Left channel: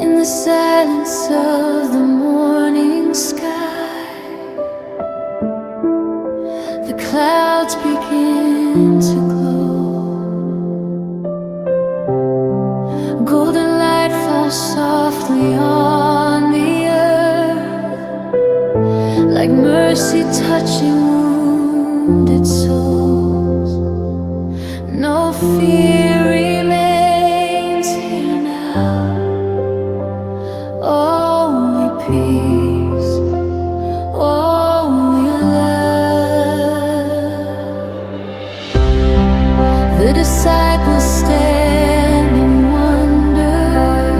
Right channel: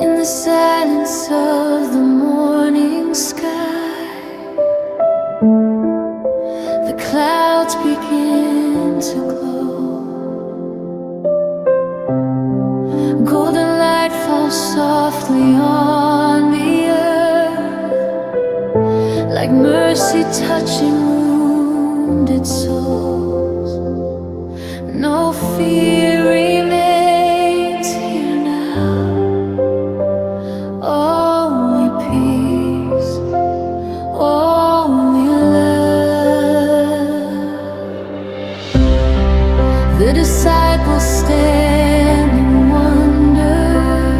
In the silence of the morning sky, the clouds begin to glow. Golden light falls softly on the earth, like mercy touching wounded souls. No fear remains here now, only peace, only love. The disciples stand in wonder,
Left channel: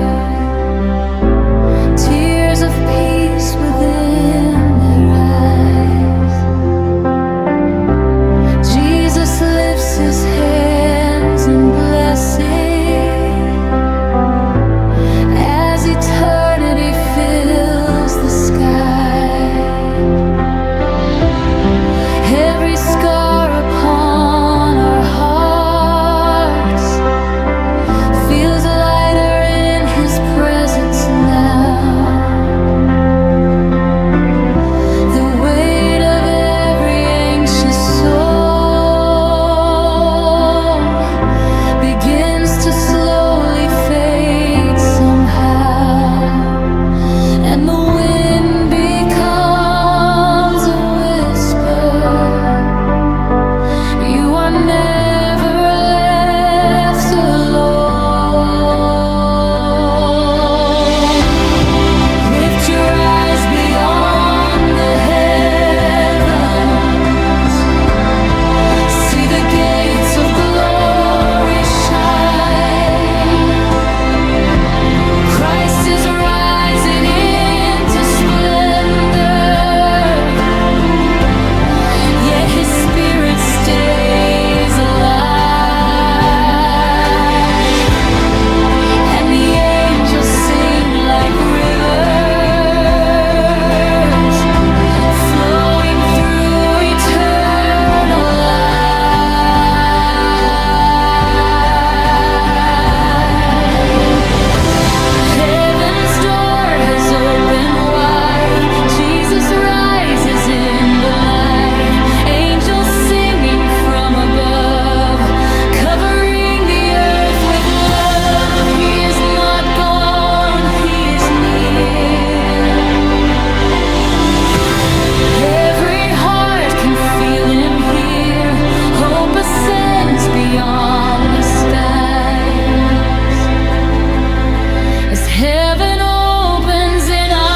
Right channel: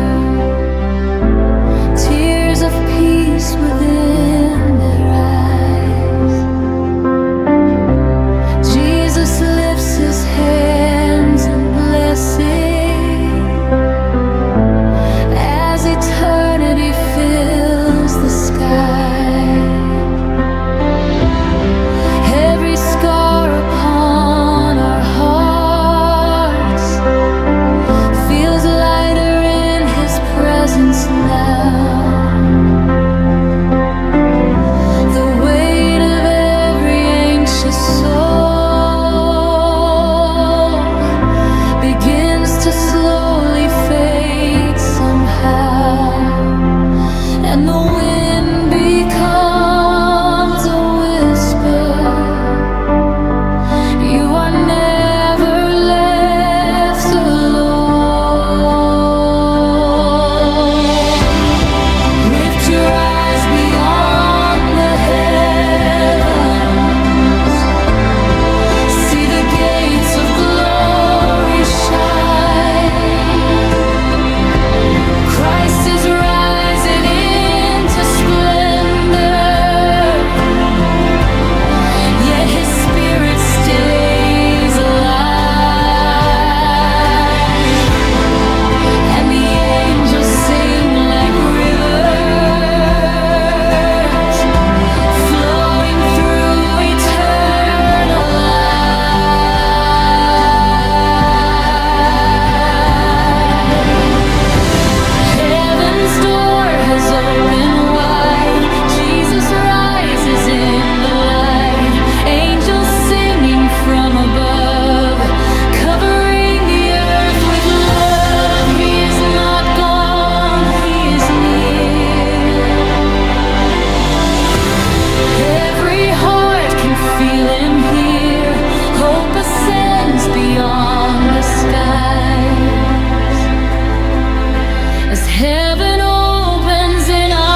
tears of peace within their eyes. Jesus lifts his hands in blessing as eternity fills the sky. Every scar upon our hearts feels lighter in his presence now. The weight of every anxious soul begins to slowly fade somehow, and the wind becomes a whisper. You are never left alone. Lift your eyes beyond the heavens, see the gates of glory shine. Christ is rising into splendor, yet his spirit stays alive, and the angels sing like rivers flowing through eternal light. Heaven's door has opened wide, Jesus rises in the light. Angels singing from above, covering the earth with love. He is not gone, he is near. Every heart can feel him here. Hope ascends beyond the skies as heaven opens in our eyes.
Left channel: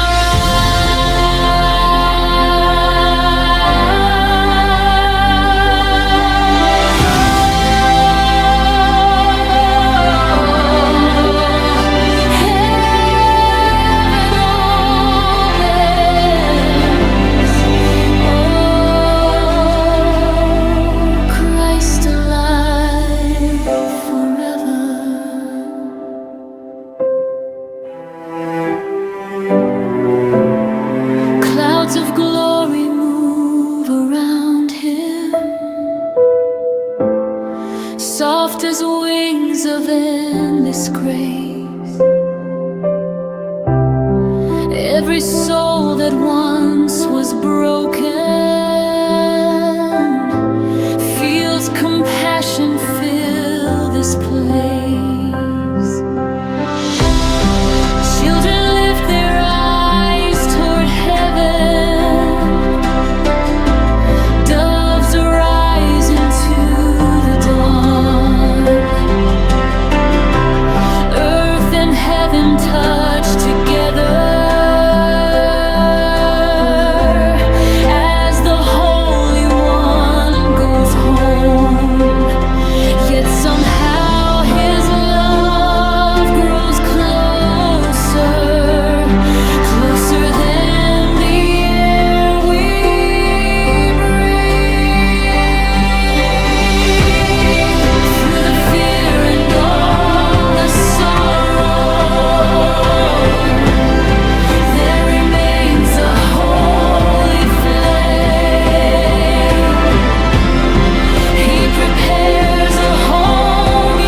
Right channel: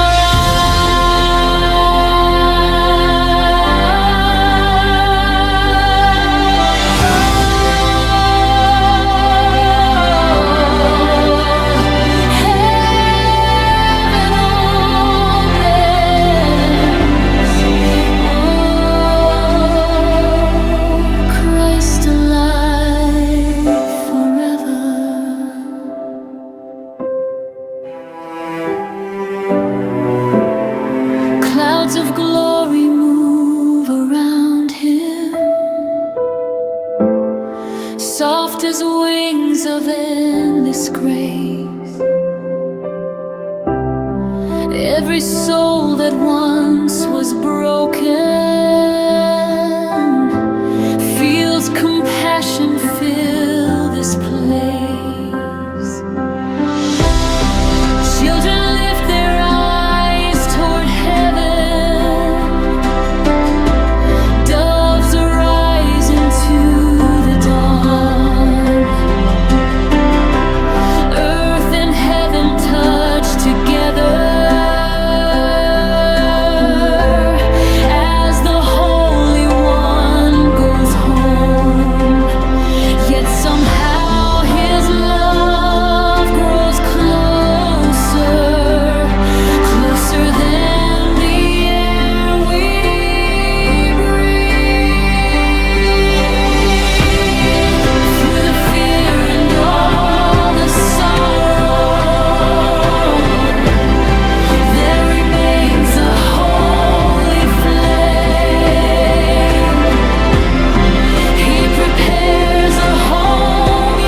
Heaven opens. Oh, Christ alive forever. Clouds of glory move around him, soft as wings of endless grace. Every soul that once was broken feels compassion fill this place. Children lift their eyes toward heaven, doves arise into the dawn. Earth and heaven touch together as the Holy One goes home. Yet somehow his love grows closer, closer than the air we breathe. Through the fear and all the sorrow, there remains a holy flame. He prepares a home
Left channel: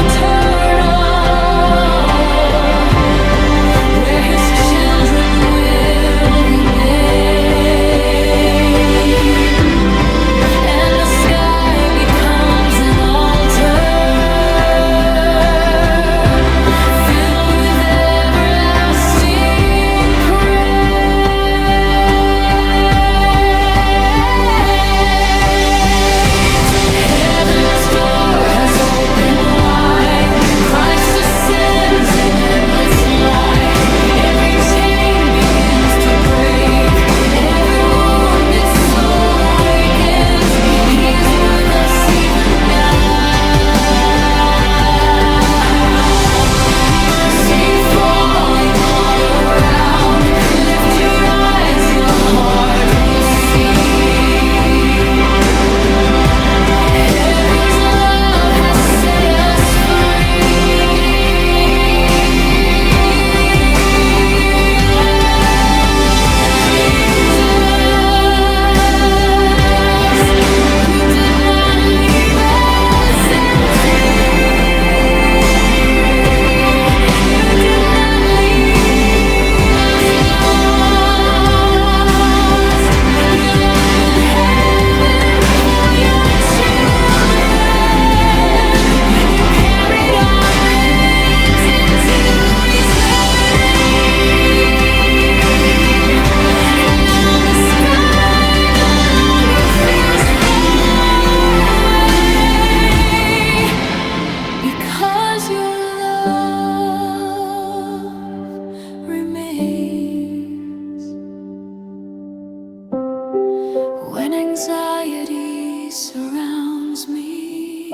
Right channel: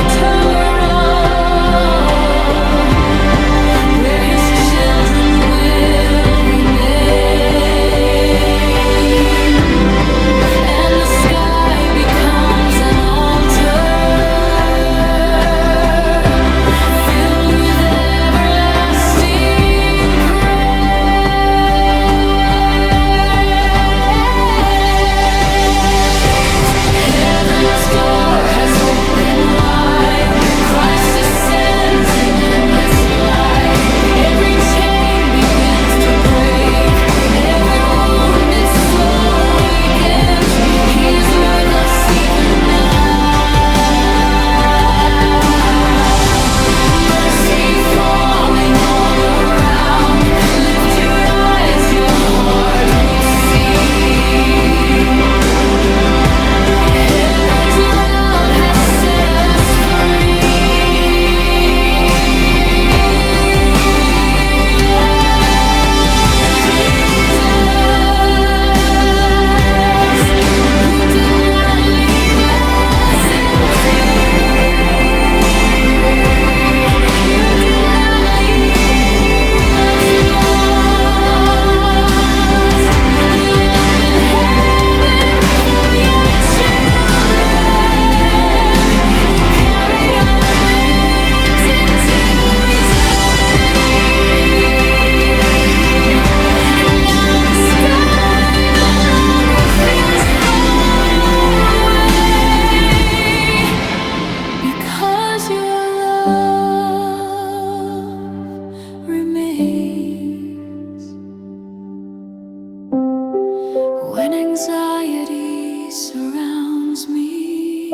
anxiety surrounds me,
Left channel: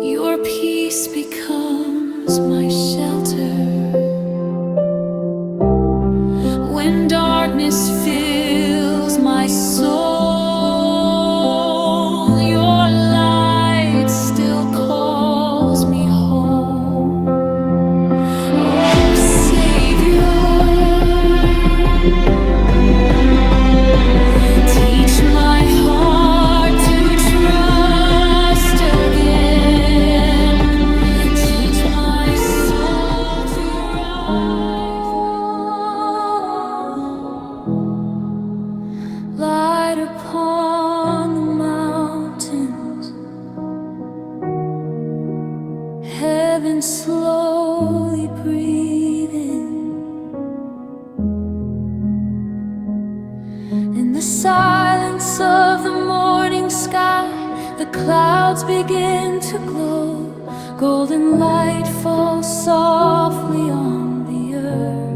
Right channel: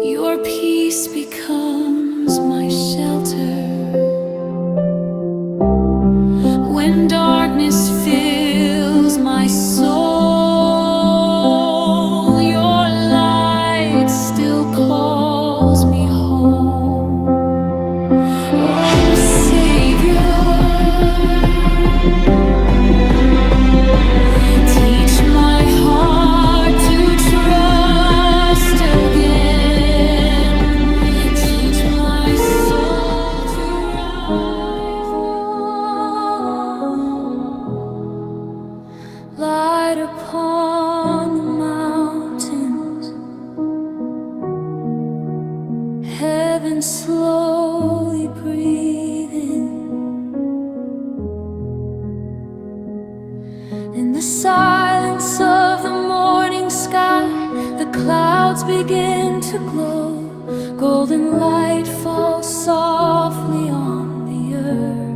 your peace becomes my shelter. When darkness fills my soul, your light still calls me home. Oh, Savior, teach my heart to trust again. Teach my soul to rise. Light upon the mountains, heaven slowly breathing. In the silence of the morning sky, the clouds begin to glow. Golden light falls softly on the earth,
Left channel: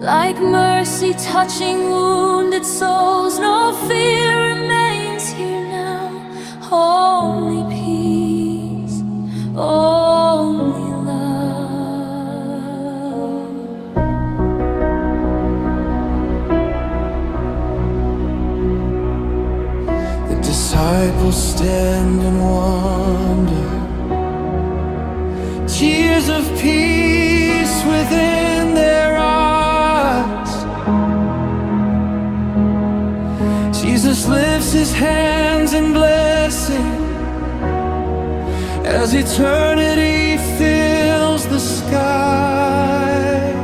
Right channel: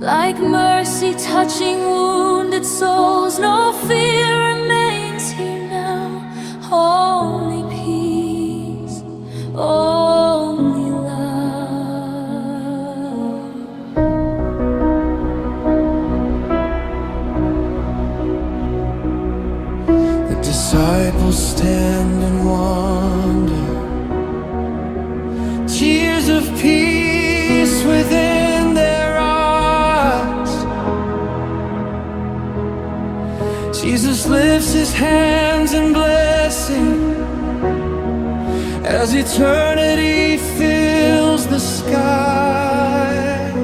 like mercy touching wounded souls. No fear remains here now, only peace, only love. The disciples stand and wonder, tears of peace within their eyes. Jesus lifts his hands in blessing as eternity fills the sky.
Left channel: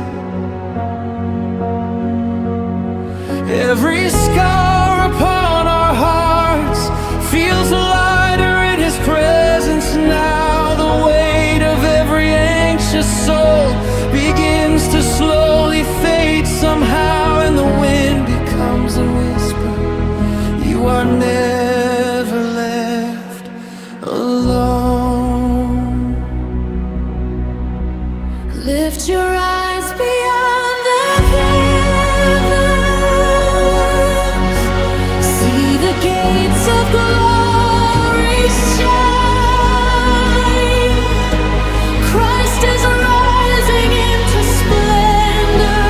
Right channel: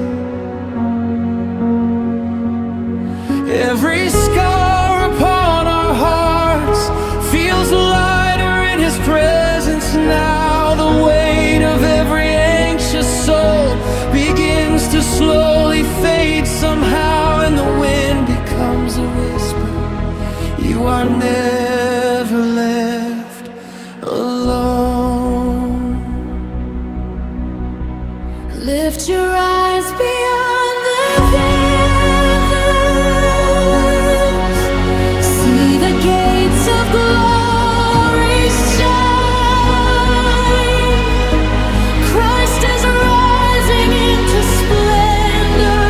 Every scar upon our hearts feels lighter in his presence now. The weight of every anxious soul begins to slowly fade somehow, and the wind becomes a whisper. You are never left alone. Lift your eyes beyond the heavens, see the gates of glory shine. Christ is rising into splendor,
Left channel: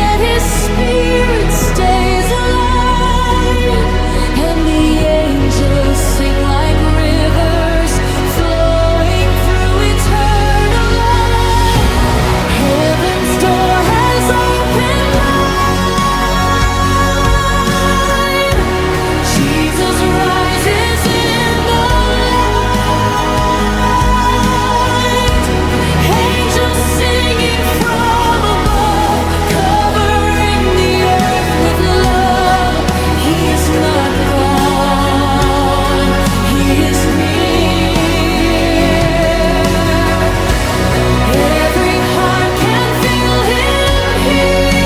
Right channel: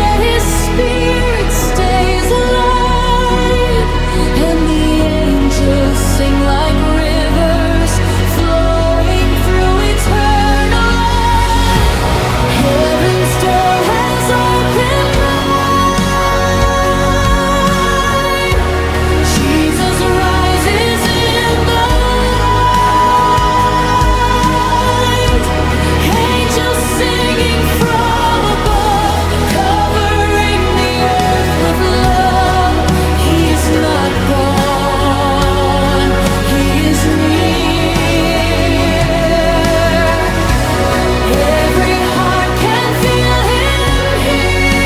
yet his spirit stays alive, and the angels sing like rivers flowing through eternal light. Heaven's door has opened wide. Jesus rises in the light. Angels singing from above, covering the earth with love. He is not gone, he is near. Every heart can feel him here.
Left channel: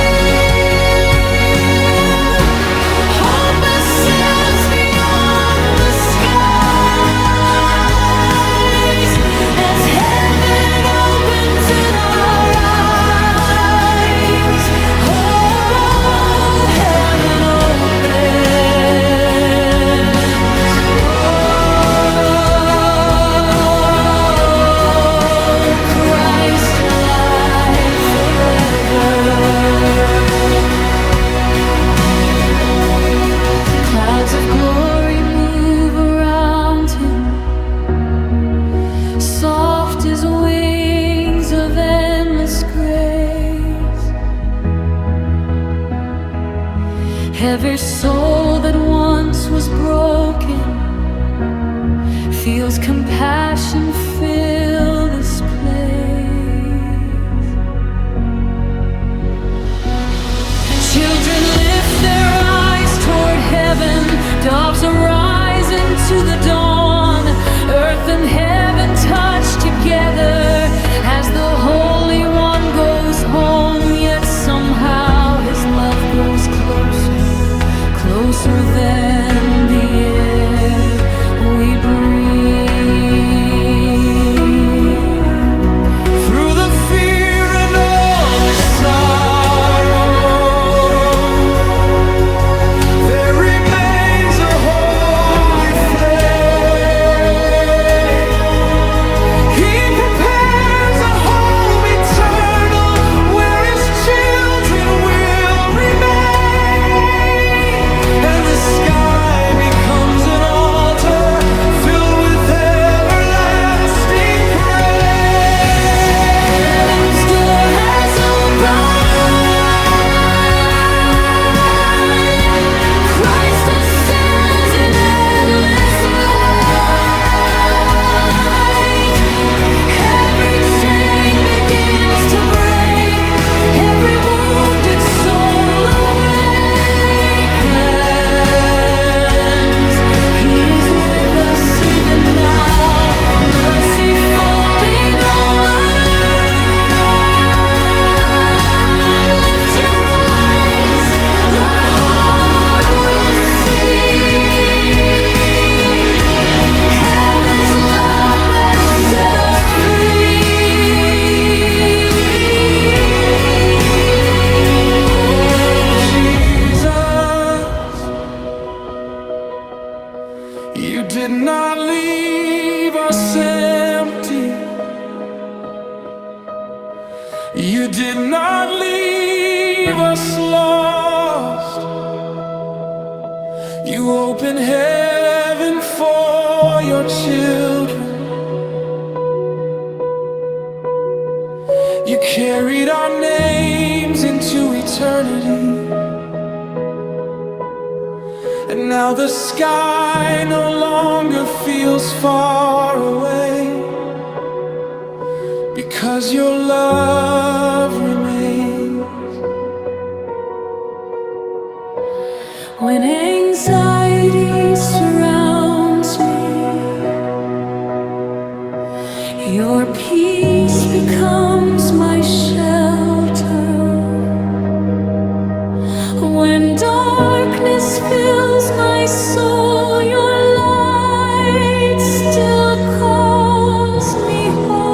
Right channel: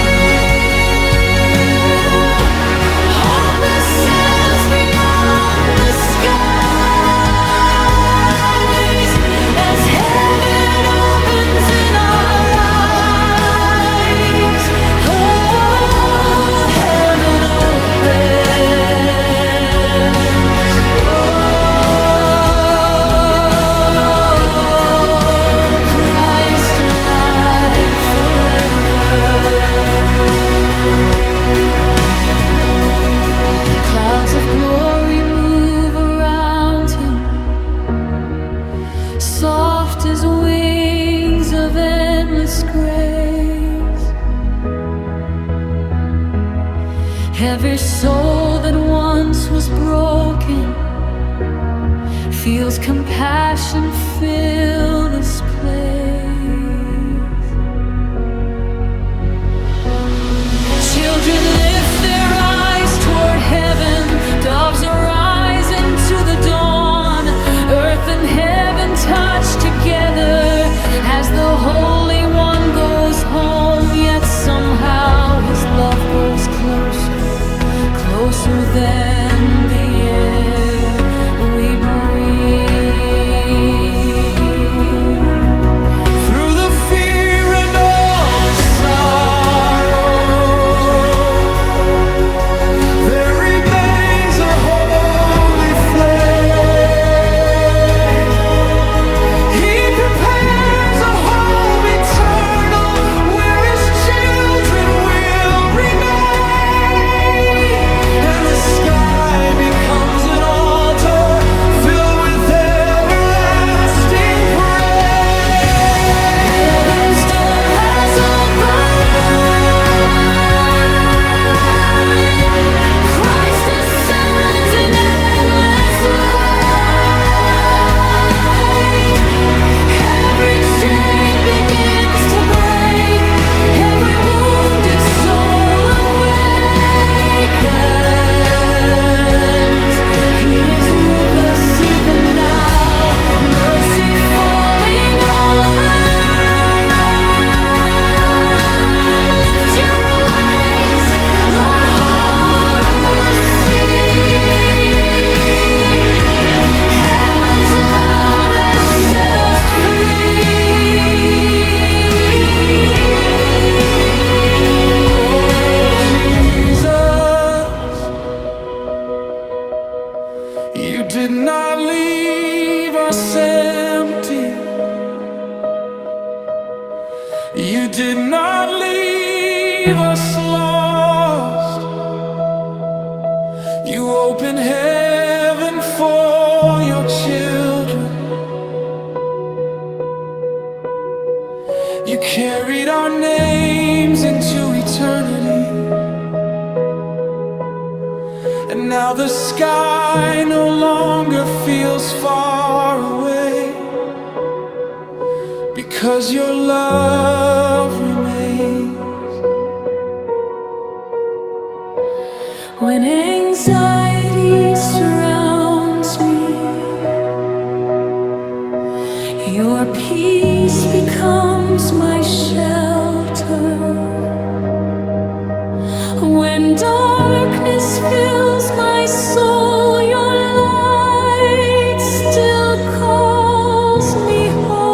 Hope ascends beyond the skies as heaven opens in our eyes. Oh, heaven opens. Oh, Christ alive forever. Clouds of glory move around him, soft as wings of endless grace. Every soul that once was broken feels compassion fill this place. Children lift their eyes toward heaven, doves arise into the dawn. Earth and heaven touch together as the Holy One goes home. Yet somehow his love grows closer, closer than the air we breathe. Through the fear and all the sorrow, prepares a home eternal where his children will remain, and the sky becomes an altar filled with everlasting praise. Heaven's door has opened wide. Christ ascends in endless light. Every chain begins to break. Every wounded soul awakens. He is with us even now. Mercy falling all around. Lift your eyes, the heart will see. Heaven's love has set us free. Oh, Jesus, you did not leave us empty. You did not leave us lost. You opened heaven for your children. You carried our names into eternity. And now the sky no longer feels far away, because your love remains. When anxiety surrounds me, your peace becomes my shelter. When darkness fills my soul, your light still calls me home.